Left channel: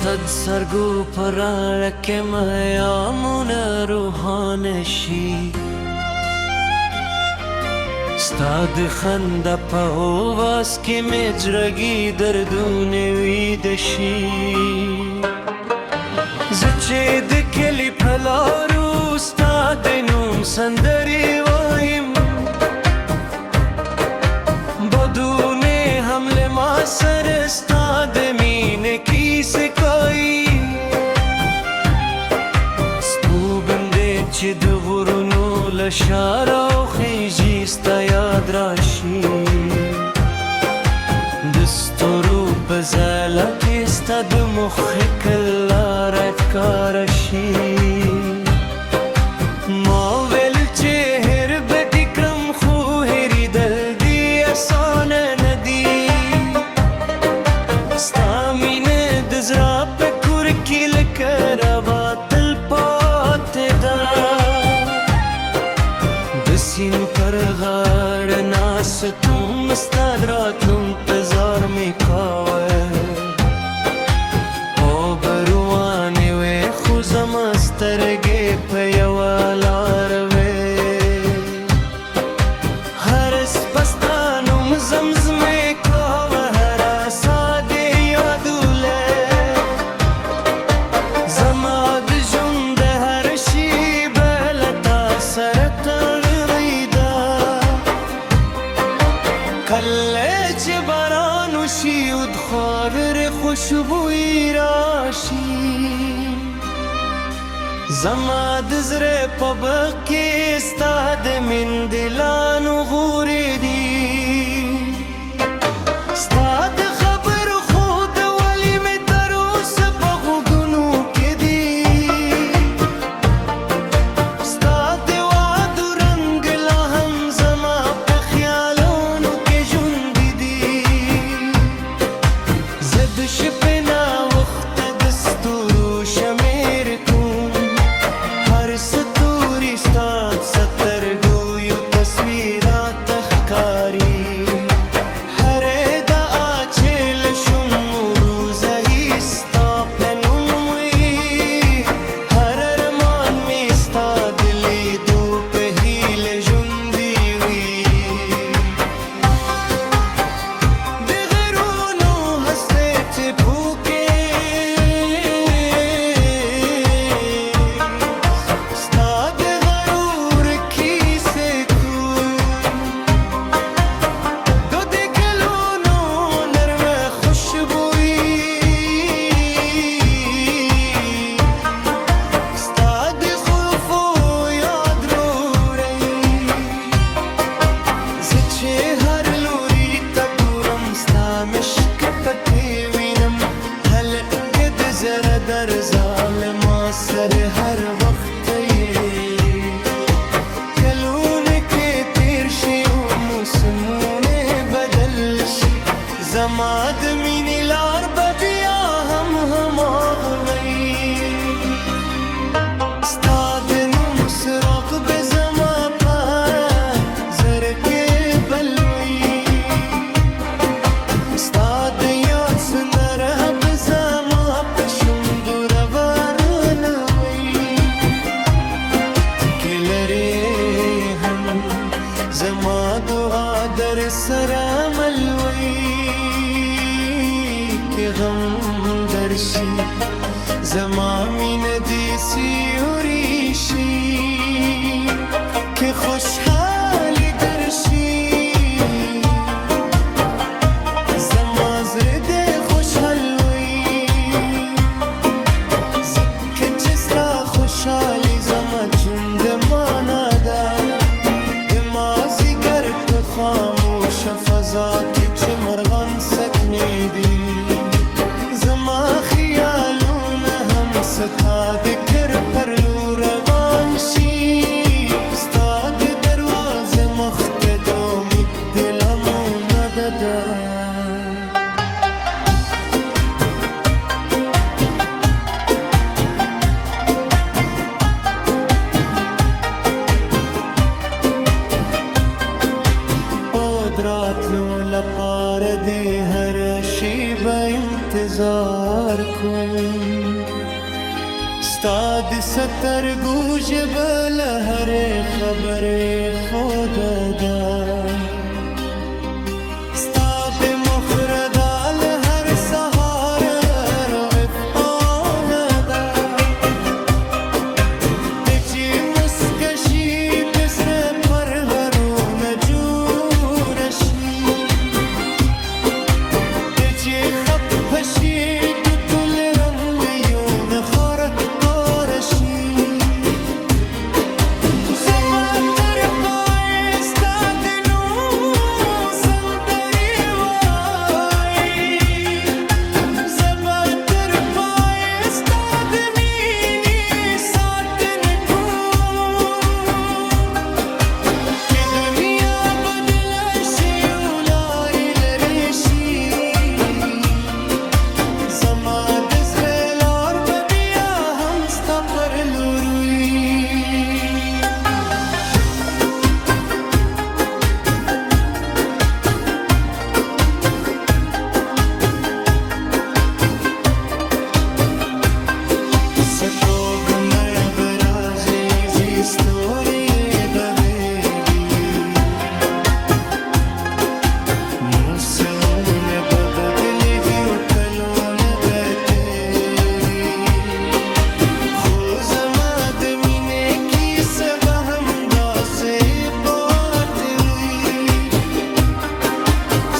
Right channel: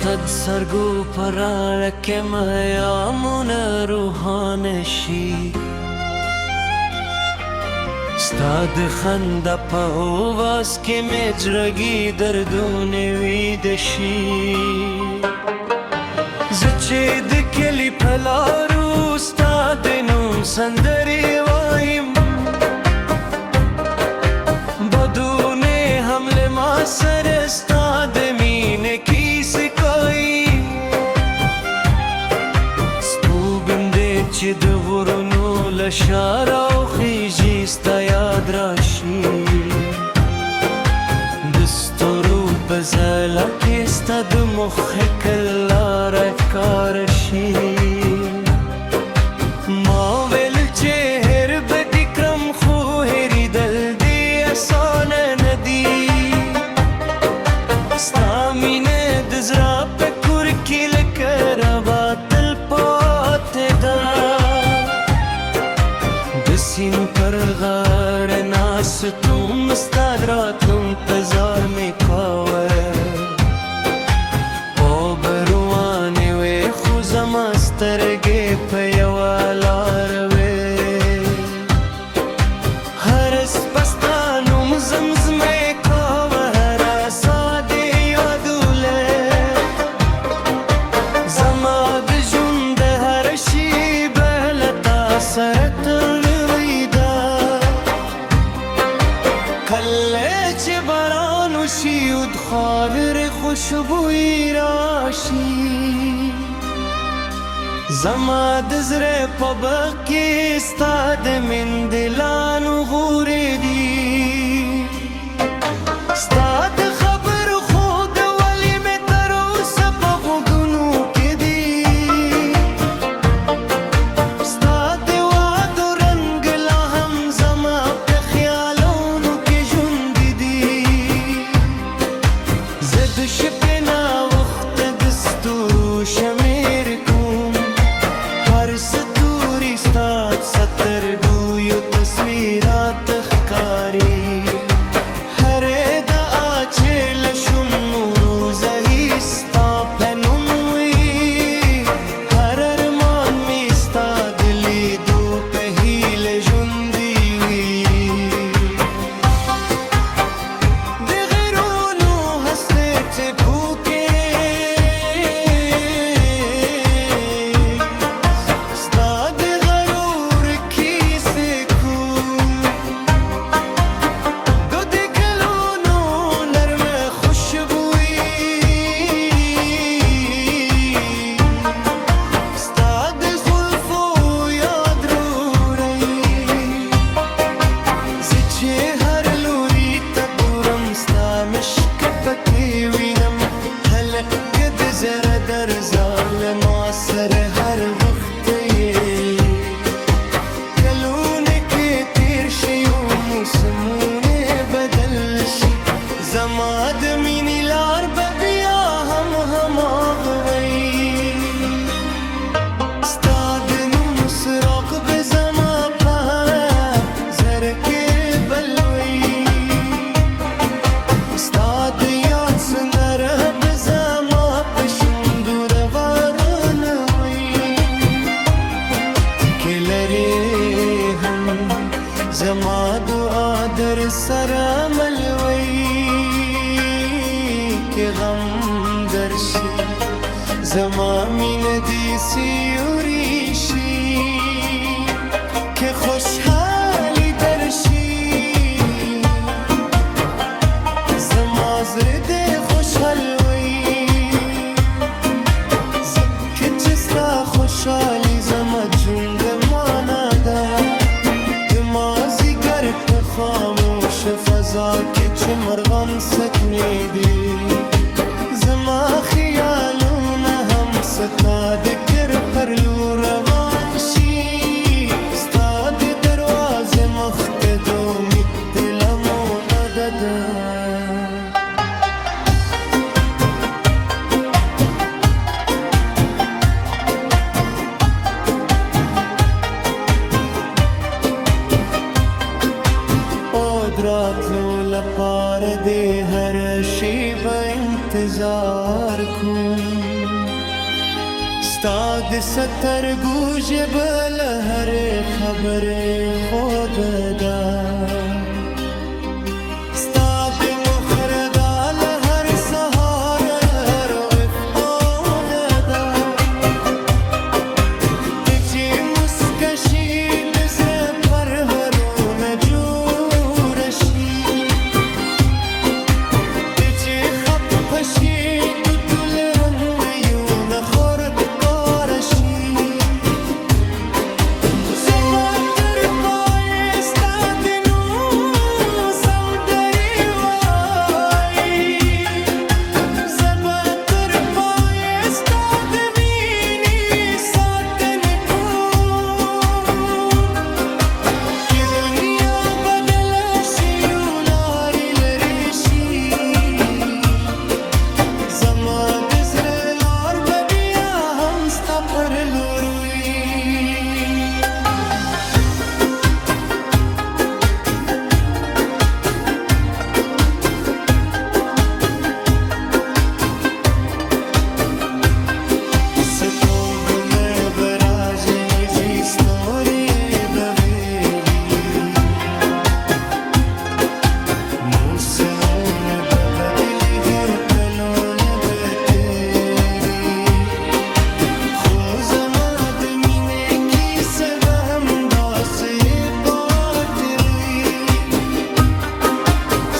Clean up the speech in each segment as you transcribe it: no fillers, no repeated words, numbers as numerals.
ستد سرگو پرارک میامون روحانشی ستاد خنده پاواز که مجرگی دردون ویدشی زچه دکلی پلارو ستاد نوم سندری وایم بدون حمل ما سر استاد مینه کی سکایی سپو بنده چه دغرونو لشارا و خیجی ستا یاد راشی دستورو بزالا که ستا دمخ کلا رفکارشی ما ویل چه هر بدکرم خو هری دل دی آسان ندی ستا مینه دزرا پکور کی لکر باطل پات دا دسین پر غار ناس تم استادراتم پزار می کاوه او بروانه و خوزم استرگه پیوالار زمزمه کاوه هر ساده یادوله زما بجون ده هر شی بلتا سرت الریدا کله چه بارانو شیود خاور خوشبوی راشی زما دزر پبکی استاد من دلانو غوری دی استاد خبر خود ولی میں تروس پغو گنو کے دی استاد وعدو رنگ لاہم زما پہ خیالونو کے جند دی زد شپنا وقت دستورو شمیر کن هر ستوری استاد سترگویو تصویرات اخکاری هر دا آچه لشم روزهی ستا پنوی هر ارمان می ستا دلی دو پهیل جندی وی دغرونو هسته پوکه هر لوری تا گورم ستا مشک پکی وینم هل کد زر در ظالما سر هر وقت یه کلونه که تیر شی و موسمونه بدل شی زما دمینی لار ببیا هم آغوی ستا دنو مسراق بزما پا زرکه بلوی استاد یاد سندره بزما پشون دور وارنوی کلری هم زما دعا در سرملوی که غم درشی زما مین دیسی وریشی که خوشحالی درشی زما زرده خوشحالوی زکه چستا خوشحالی زما جند مانا دا دمازی گر په خاموش فضا که چه مرغان سکنیدی زما خیالونه هم ستا دکر پرلو روان شی ستا د دروازه مخت دو می دلمو ندده دراتلو لپاره د هر شي به انتظار کوم ستا د سترګو ژبه له هرې خبرې خوده ده ستا د مخره دا له هر سهار رفعانه ده ته چې مسکه شي د زړه پرهرونه جوړه شي ته چې خفه شي د ټول رنګیونه خورکاره شي پر لوروي سپوږمۍ به راځي زی ستوري به ویلي موسمونه به بدلېږي کلونه به تېري زما د مینې کیسه به همداسې پاتې وي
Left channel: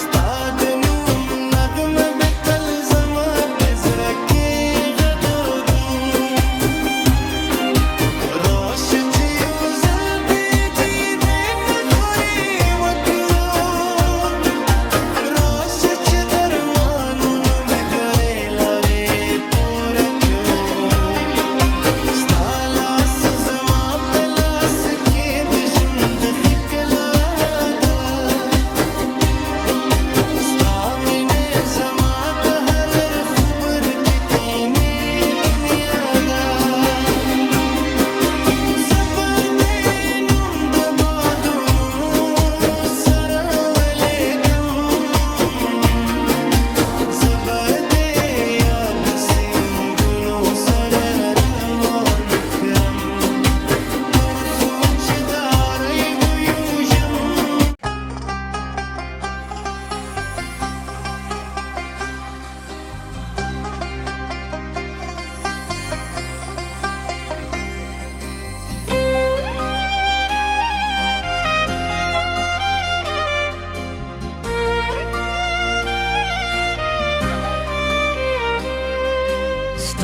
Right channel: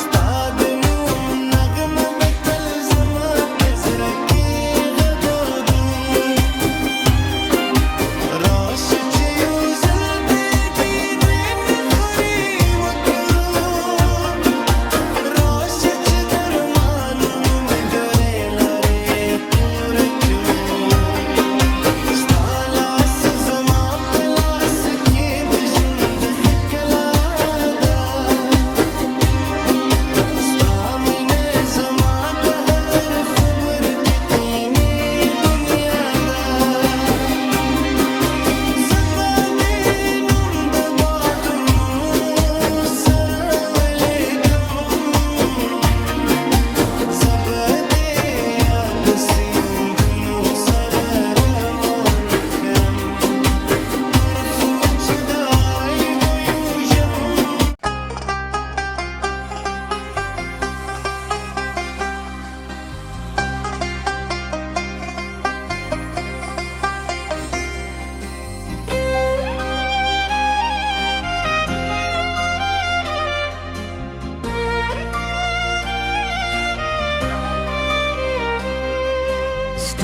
ستا د نوم نغمه به تل زما په زړه کې غږېږي راشه چې یو ځل بې دیدې نخرې وکړو راشه چې درمانونو مې ګرې لارې پوره کړو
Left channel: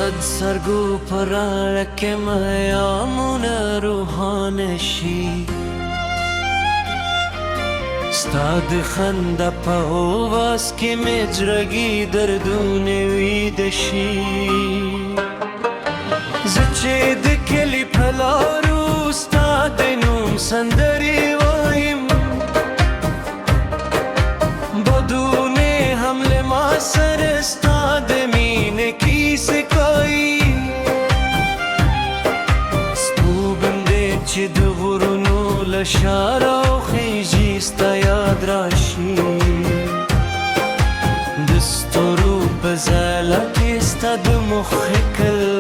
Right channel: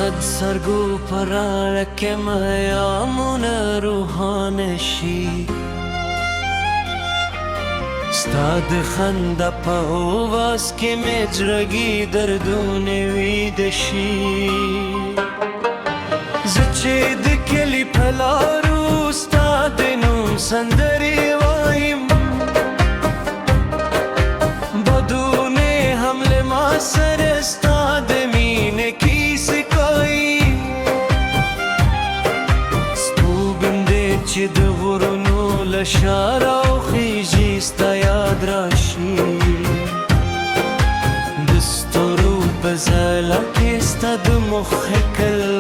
ستد سرګو پراړه کې میامونه روحانه شي ستا د خندا په اواز کې مې زړګي دردونه ویده شي زه چې د کلي په لارو ستا د نوم سندرې وایم بدونه هم له ما سره ستا د مینې کیسې کوي سپوږم دې چې د غرونو له شاره وخیژي ستا یاد راشي د ستورو په ځاله کې ستا د مخې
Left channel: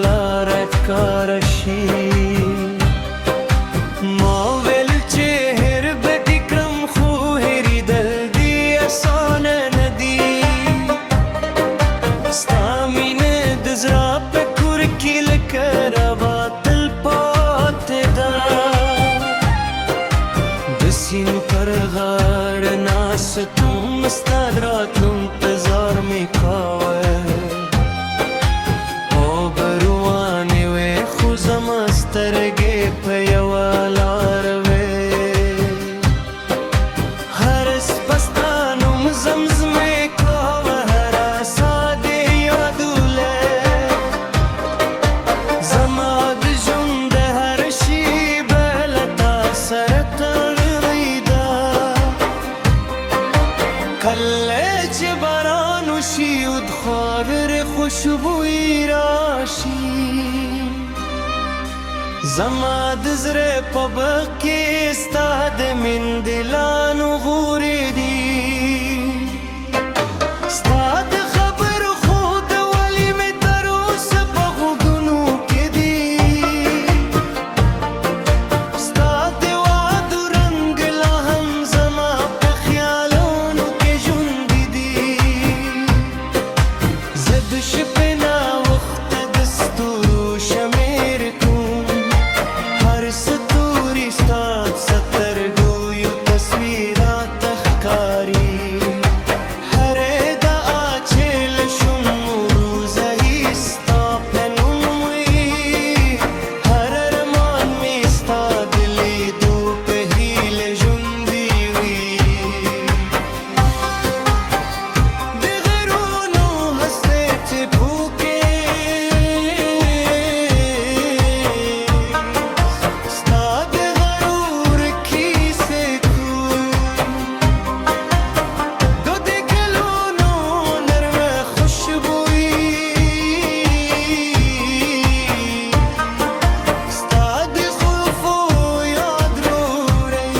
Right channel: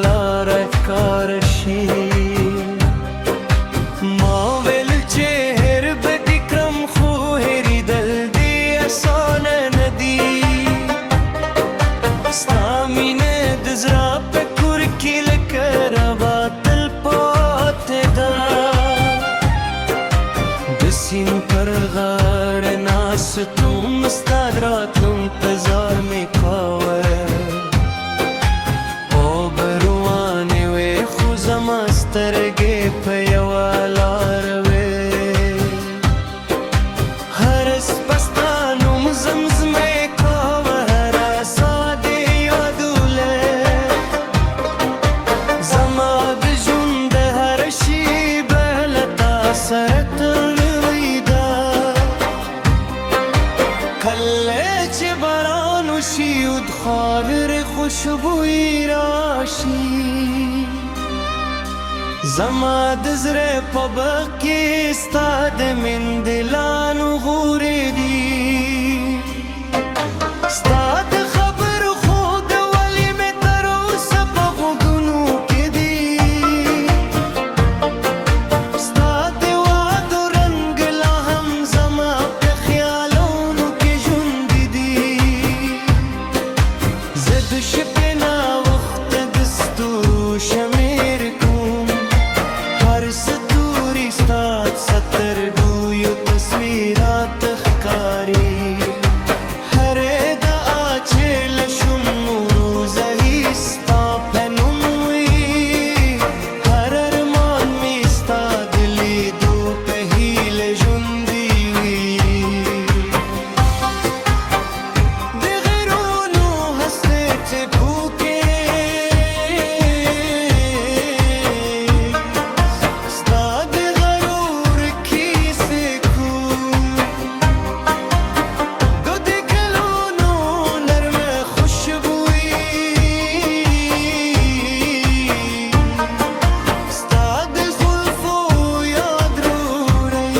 لاره ښکاره شي ما ویل چې هېر به دې کړم خو هېرېدل دې اسانه نه دي ستا مینه د زړه په کور کې لکه روا تل پاتې ده د سیند پر غاړه ناستوم ستا د راتلو انتظار مې کاوه اوبه روانې وې خو زما سترګې په یوه لار وې هر شپه ستا نوم زمزمې کوه هره ساه دې یادوله زما د ژوند د هر شي به له تا سره تړلې ده کله چې باران وشي او د خاورې خوشبويي راشي زما د زړه په باغ کې ستا د مندلانو غورې دي ستا د خبرو خو د ولې مې تر اوسه په غوږونو کې دي ستا د وعدو رنګ لا هم زما په خیالونو کې ژوندي دي زه د شپې ناوخته د ستورو شمېر کوم هر ستوري ستا د سترګو تصویرات ښکاري هرې دعا چې له شونو روزه هي ستا په نوم وي هر ارمان مې ستا د لیدو په هیله ژوندي وي د غرونو هستې څپو کې ستا د غرور کیسې کوم د دې ګلونو نرمه خوشبويي ستا د زلفو یاد راوړي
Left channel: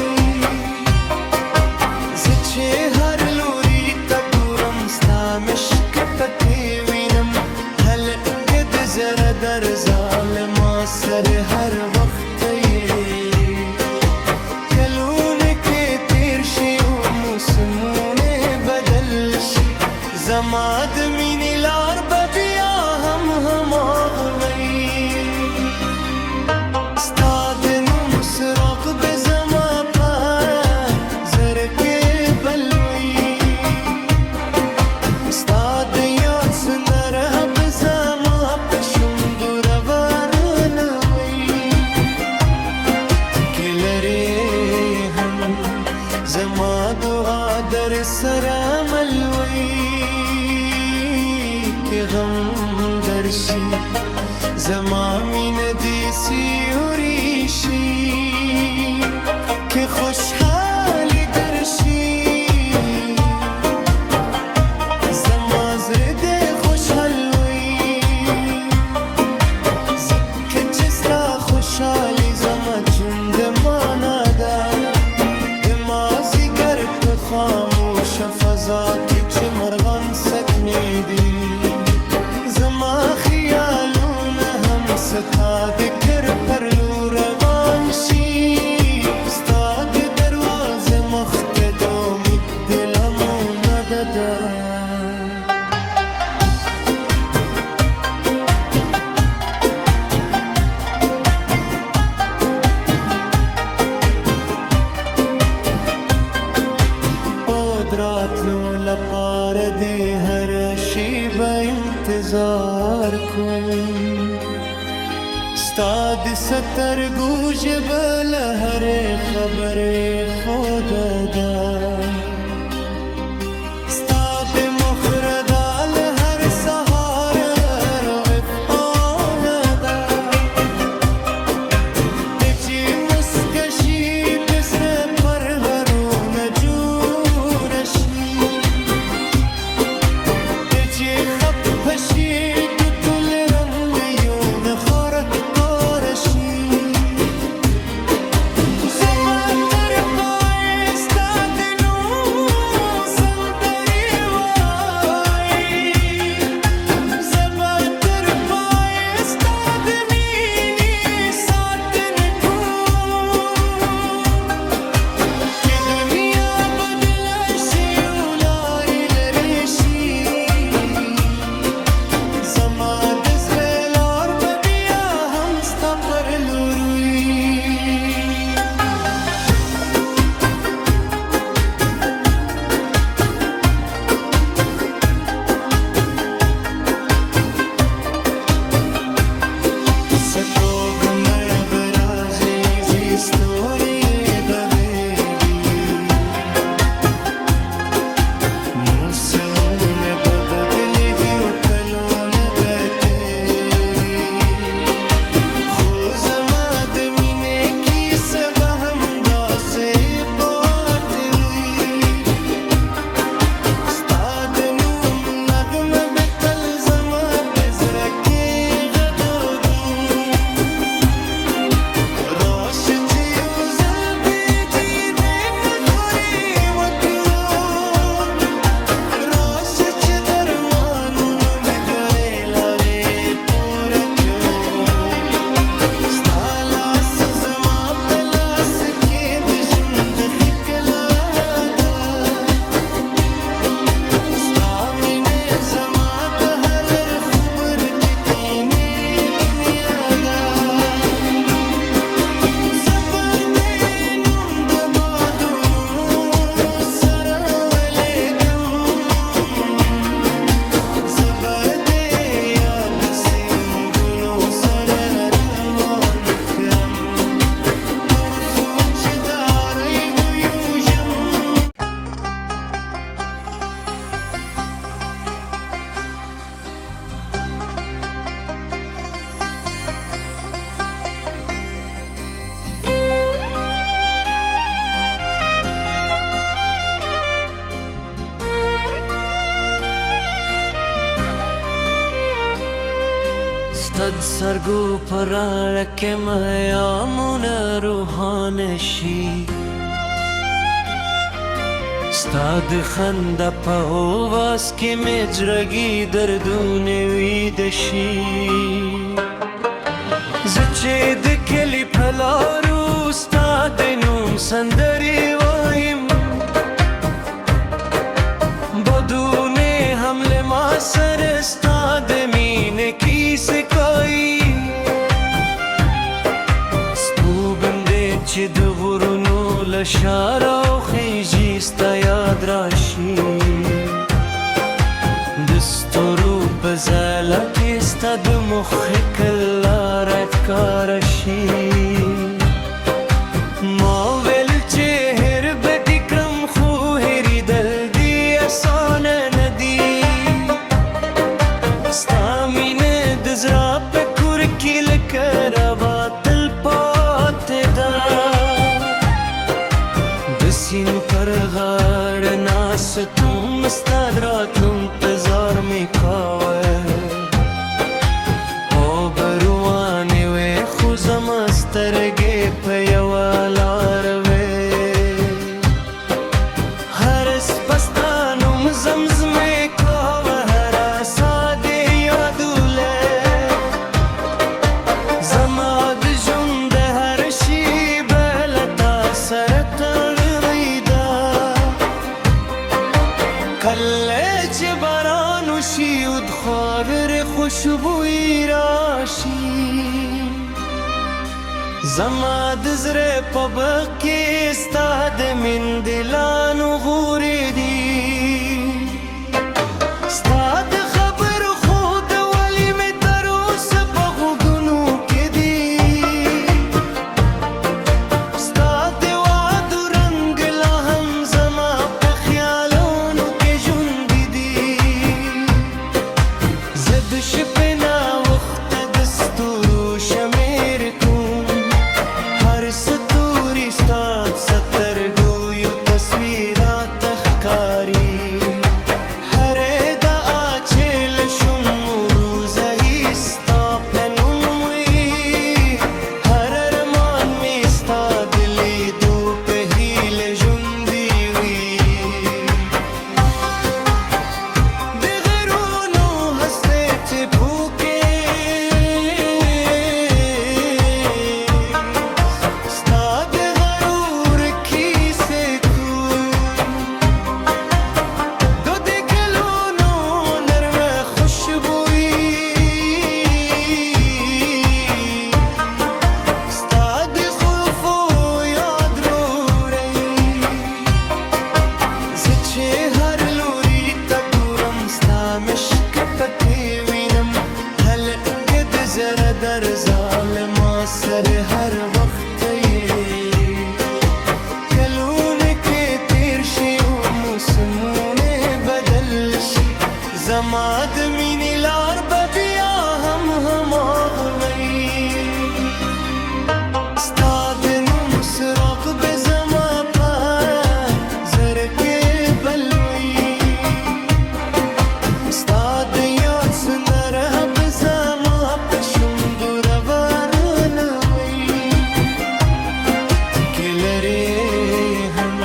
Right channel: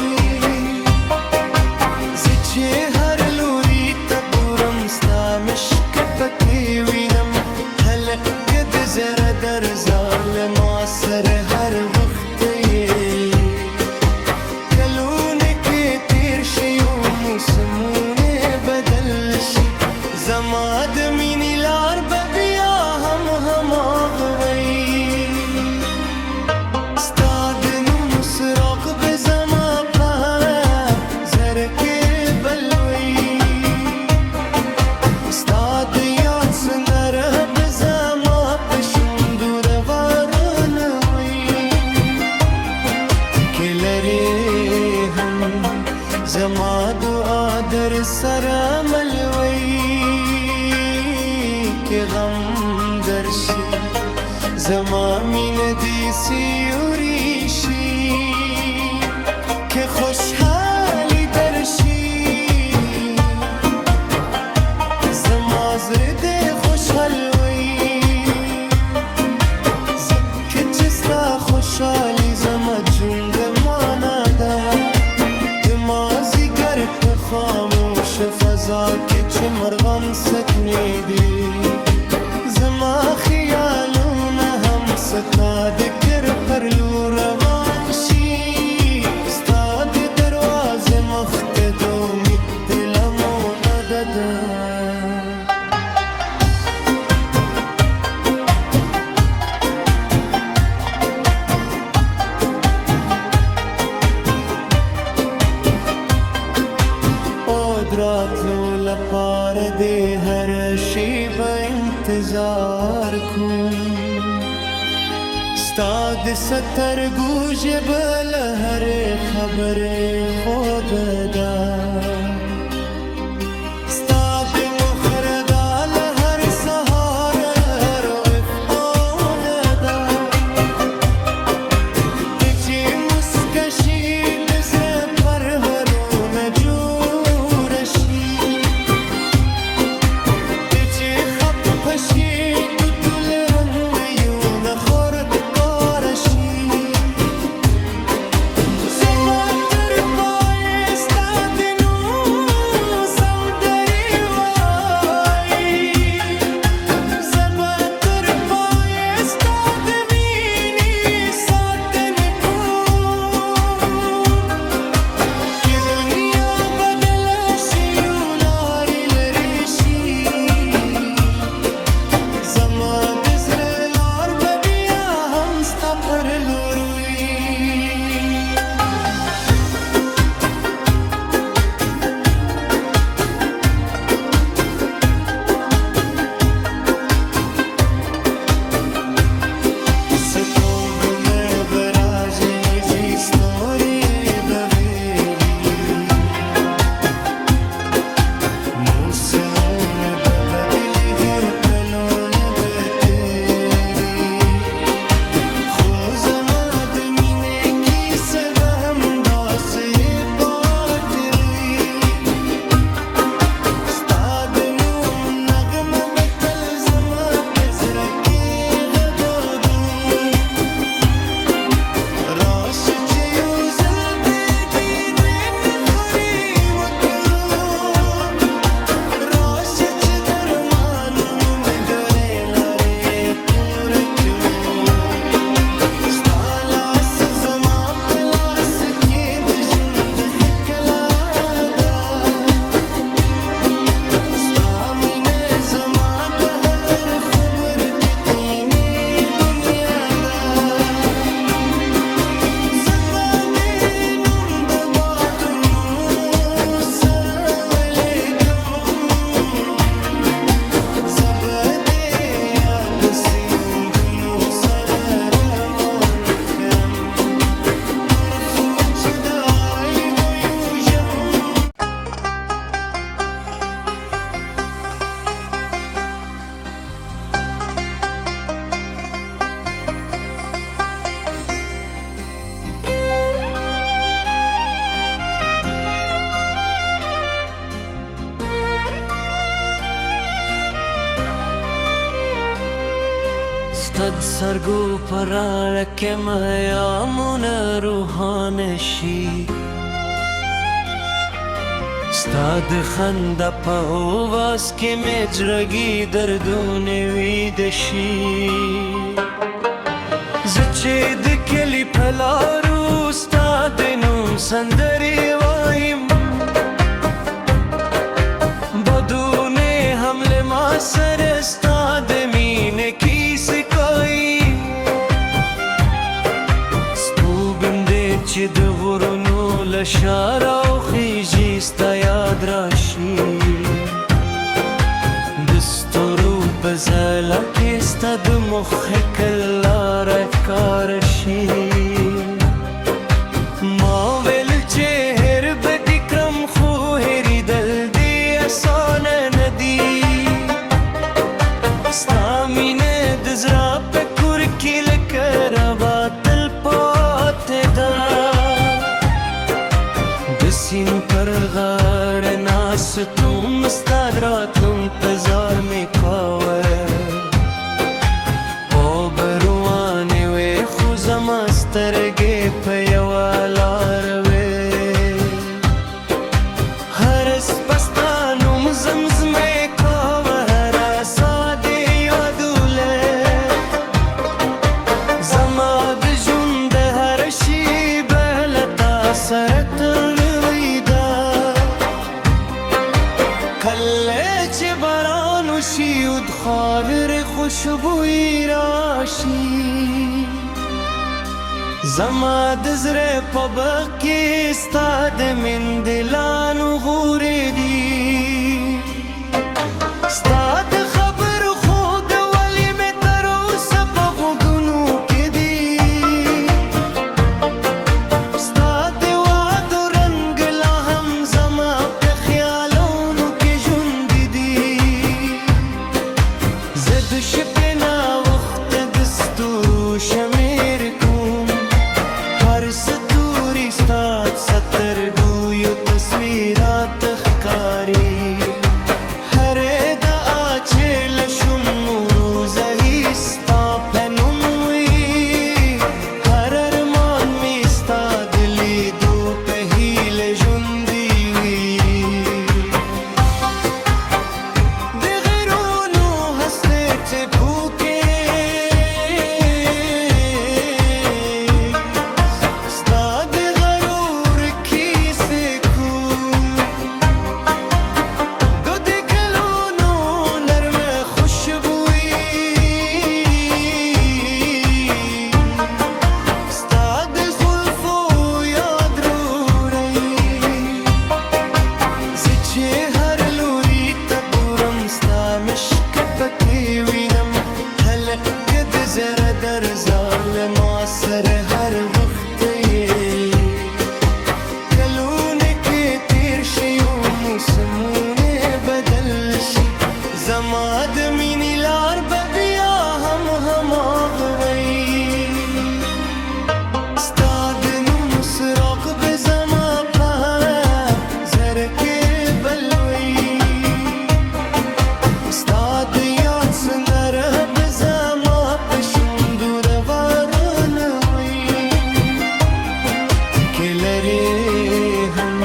زه چې هر لوري ته ګورم ستا مشک پکې وینم هلکه د زړه درزا له ما سره هر وخت یې کلونه کې تیر شي او موسمونه بدل شي زما د مینې لار به بیا هم هماغه وي ستا د نوم څراغ به زما په زړه کې بل وي ستا د یاد سندره به زما په شونډو روانه وي که لرې هم زما دعا در سره مل وي که غم درشي زما مینه دې سیوري شي که خوشحالي درشي زما زړه دې خوشحال وي ځکه چې ستا خوشحالي زما ژوند معنا ده د مازدیګر په خاموشه فضا کې چې مرغان سکنې دي زما خیالونه هم ستا د کر پر لور روان شي ستا د دروازې مخ ته د امید د لمونه ده راتلو لپاره د هر شیبه انتظار کوم ستا د سترګو ژبه له هرې خبرې خوده ده ستا د مخره دا له هر سهار افغانه ده ته چې مسکه شي د زړه پرهرونه جوړه شي ته چې خفه شي د ټول رنګیونه خورکاره شي زه به تر پایه ستا د نوم سندرې وایي زه به تر پایه ستا د مینې ساتنه کوم که دنیا بدله شي او لارې لرې شي زما ستد سرگو پرارک میامون روحانشی ستاد خنده پاواز که مجرگی دردون ویدشی زچه دکلی پلارو ستاد نوم سندری وایم بدون حمل ما سر استاد مینه کی سکایی سپو بنده چه دغرونو لشارا و خیجی ستا یاد راشی دستورو بزالا که ستا دمخ کلا رفکارشی ما ویل چه هر بدکرم خو هری دل دی اسان ندی ستا مینه دزرا پکور کی لکر باطل پات دا دسین پر غار ناس تم استادراتم پزار می کاوه او بروانه و خوزم استرگه پیوالار زمزمه کاوه هر ساده یادوله زماد جند هر شی بلتا سرت غریدا کله چه بارانو شیود خاور خوشبوی راشی زماد زره پبکی استاد من دلانو غوری دی ستاد خبر خود ولی میں تروس پغو گنو کے دی ستاد وعد رنگ لاہم زما پہ خیالونو کے جند دی زد شپنا وقت دستورو شمیر کن ہر ستوری ستاد سترگویو تصویرات اخکاری زر در ظالما سر هر وقت یہ کلونه که تیر شی و موسمونه بدل شی زما د مینې لار به بیا هم هماغوی ستا د نوم سراغ به زما په زر کې بلوي ستا د یاد سندره به زما په شونډو روانوي که لرې هم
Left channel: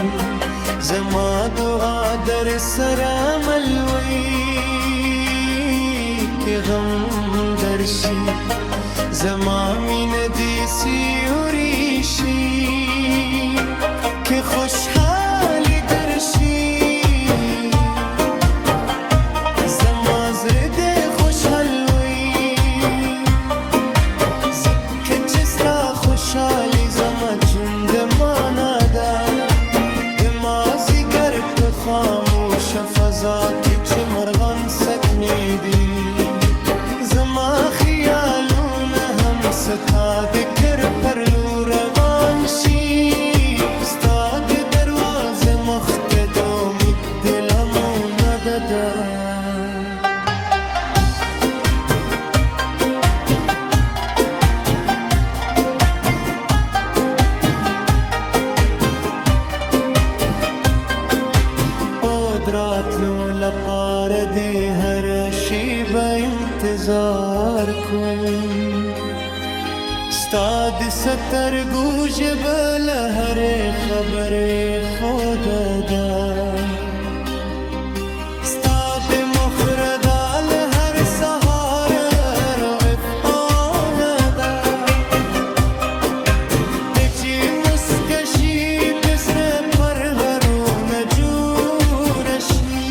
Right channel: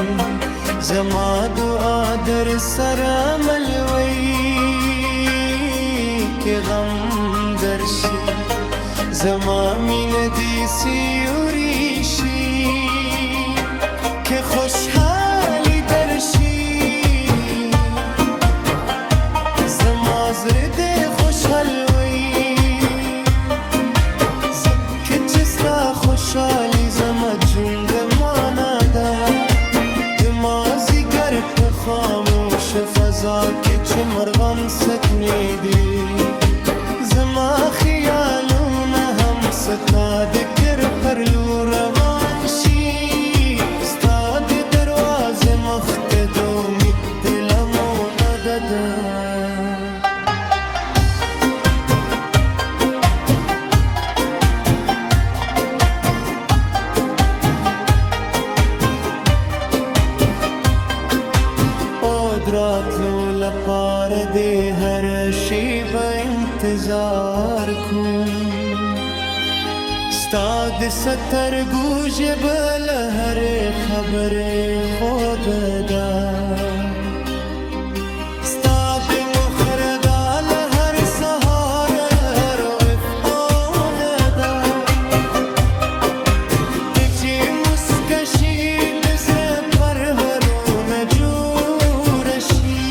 زما دعا در سره ملوي که غم درشي زما مینه دې سیوري شي که خوشحالي درشي زما زړه دې خوشحال وي ځکه چې ستا خوشحالي زما ژوند معنا ده د مازدیګر په خاموشه فضا کې چې مرغان سکنې دي زما خیالونه هم ستا د کر پر لور روان شي ستا د دروازې مخ ته د امید د لمونه ده دراتلو لپاره د هر شي به انتظار کوم ستا د سترګو ژبه له هرې خبرې خوده ده ستا د مخره دا له هر سهار رافعانه ده ته چې مسکه شي د زړه پرهرونه جوړه شي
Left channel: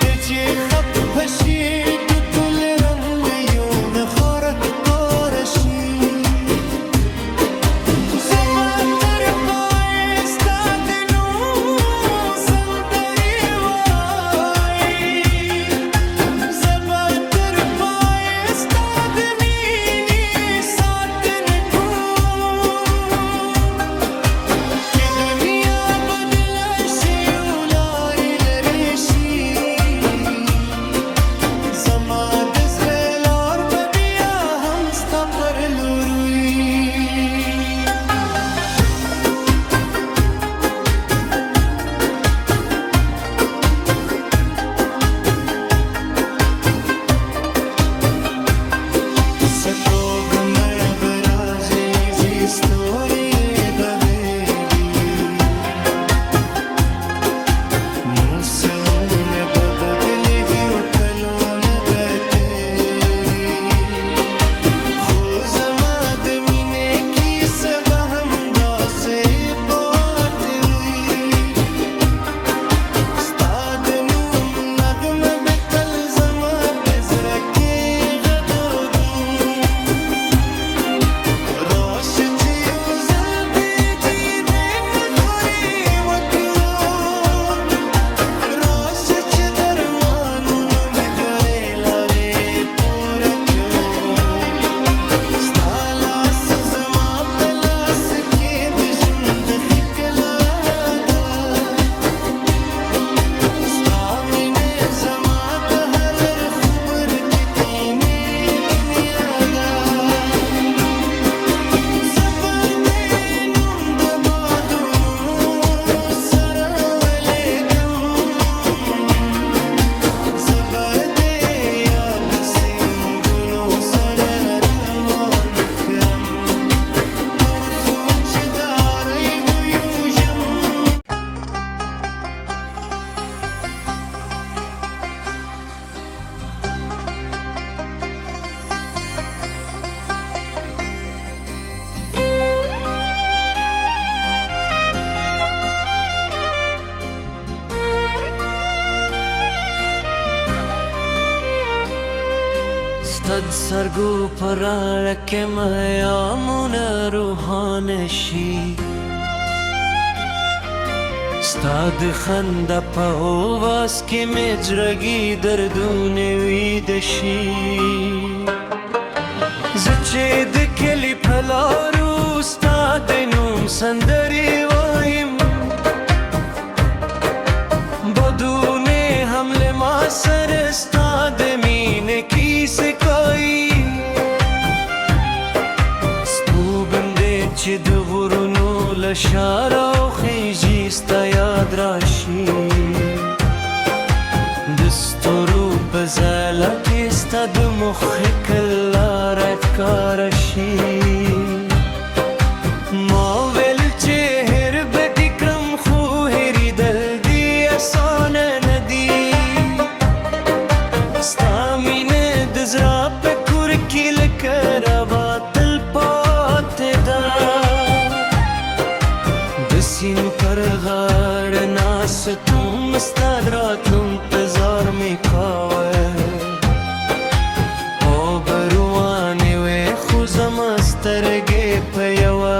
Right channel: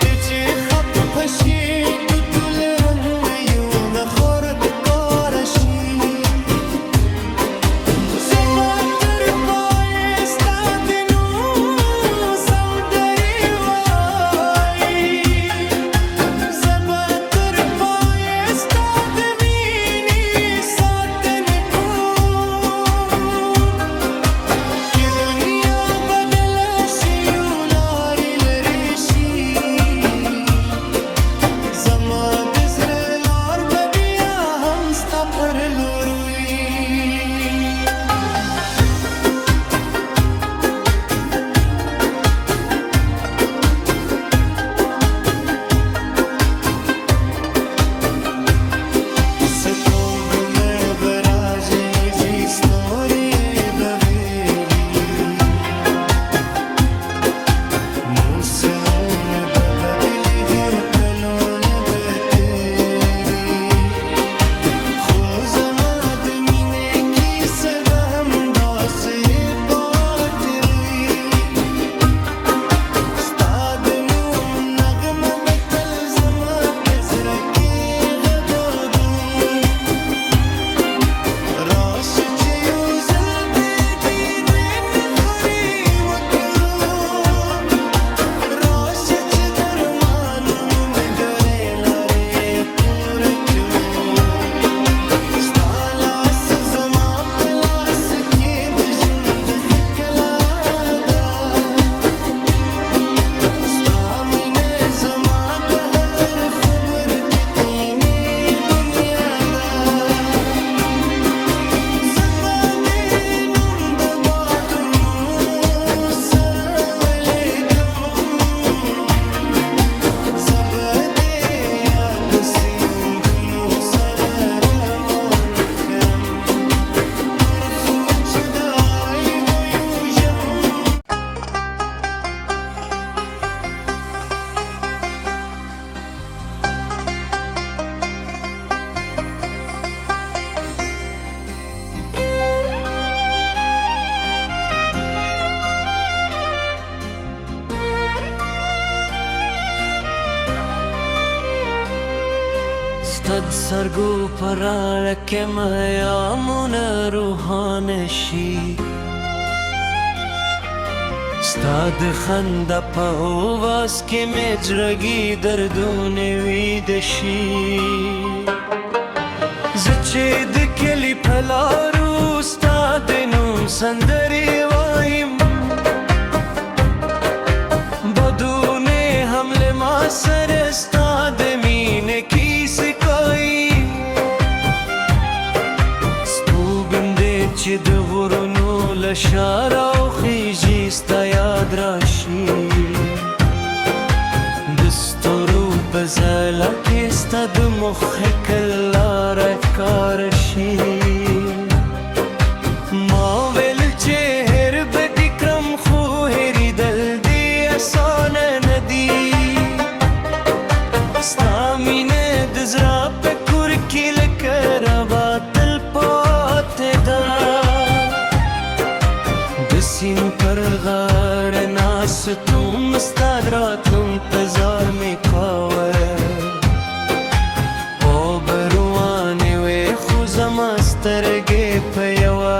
ته چې خفه شي د ټول رنګیونه خورکاره شي پر لوروي ستوګ مې برازي زی ستوري بويلي موسمونه ببدلي کلونه بتيري ستد سرګو پراړه کې میامونه روحانه شي ستا د خندا په اواز کې مې زړګي دردونه ویده شي زه چې د کلي په لارو ستا د نوم سندرې وایم بدونه هم له ما سره ستا د مینې کیسې کوي سپوږم دې چې د غرونو له شاره وخیژي ستا یاد راشي د ستورو په ځلا کې ستا د مخې لاره ښکاره شي ما ویل چې هېر به دې کړم خو هېرېدل دې اسانه نه دي ستا مینه د زړه په کور کې لکه روا تل پاتې ده د سیند پر غاړه ناستوم ستا د راتلو انتظار مې کاوه او به روانې وې خو زما سترګې په یوه